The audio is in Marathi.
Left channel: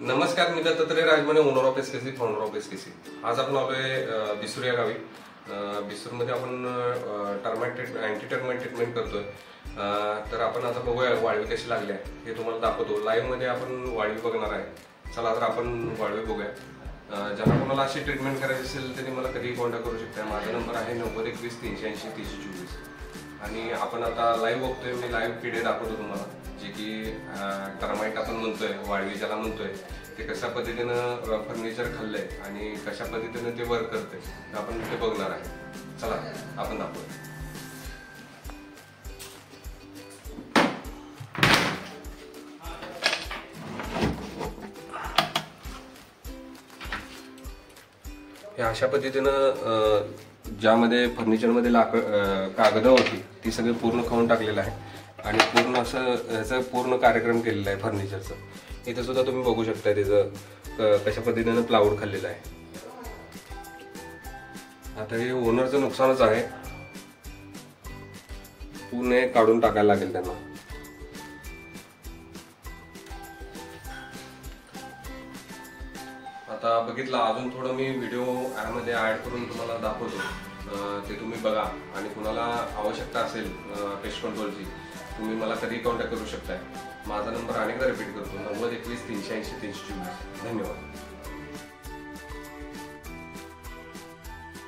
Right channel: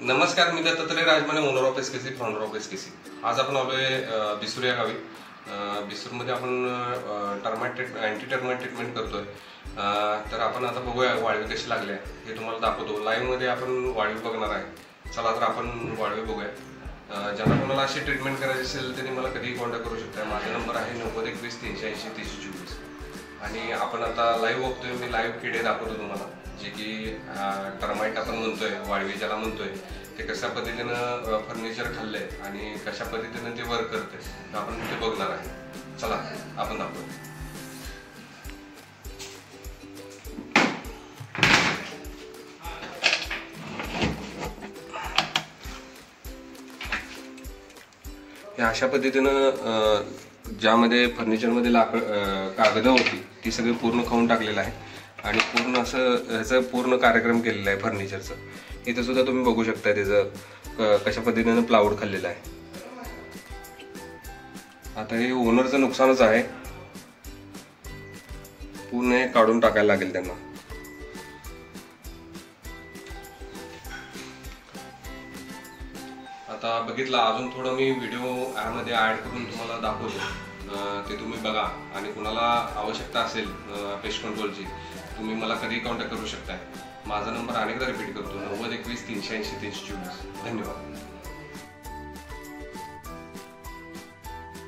नमस्कार, मी Dattatray Rajmane, owner of SKC, founder of SKC. आज आपण आलोय बिसूर या गावी. बिसूरमध्ये आपण अँटी टर्माइट ट्रीटमेंट करतोय. तर आपण आता बघूया वाळवी कशी लागली आहे हे तुम्हाला दाखवतो. लाईव्ह मध्ये आपण वाळवी बघणार आहे. चला तर आपण वाळवी बघूया. ज्यांना कोणाला अशी ट्रीटमेंट करायची असेल त्यांनी मला कधीही कॉन्टॅक्ट करू शकता. माझा नंबर आहे 9021 380 324. आणि आपण आता लाईव्ह बघतोय. मी लाईव्ह किडे दाखवतो तुम्हाला, जे की टर्माइट आपण म्हणतोय, वाळवी ज्याला म्हणतोय, ते कशा पद्धतीनं फर्निचर खाल्लंय आणि कशा पद्धतीने ते वर्क करतंय आपण ते बघणार आहे. चला आपण दाखवू. हे अशा पद्धतीनं ज्यामध्ये फर्निचरमध्ये कागद होती ती सगळी पूर्ण खाऊन टाकलेलं आहे आणि पूर्ण असं ह्याचं पूर्ण कार्यक्रम केलेला आहे फर्निचरचं. इथं सुद्धा तुम्ही बघू शकता त्याचं कशा पद्धतीनं प्लाऊड खाल्लेलं आहे. आता हे ओनरचं नुकसानच आहे, पूर्ण काढून टाकायला लागेल त्यांना. आता बघितलं, अजून थोडं मी व्हिडिओ यामध्ये ऍड करून तुम्हाला दाखवतो, ते तुम्ही बघा. आणि कुणाला आवश्यकता असेल पेस्ट कंट्रोलची, तुम्ही मला कधी कॉन्टॅक्ट करू शकताय. माझा नंबर अनेकदा रिपीट करतो, 9021 380 324. धन्यवाद.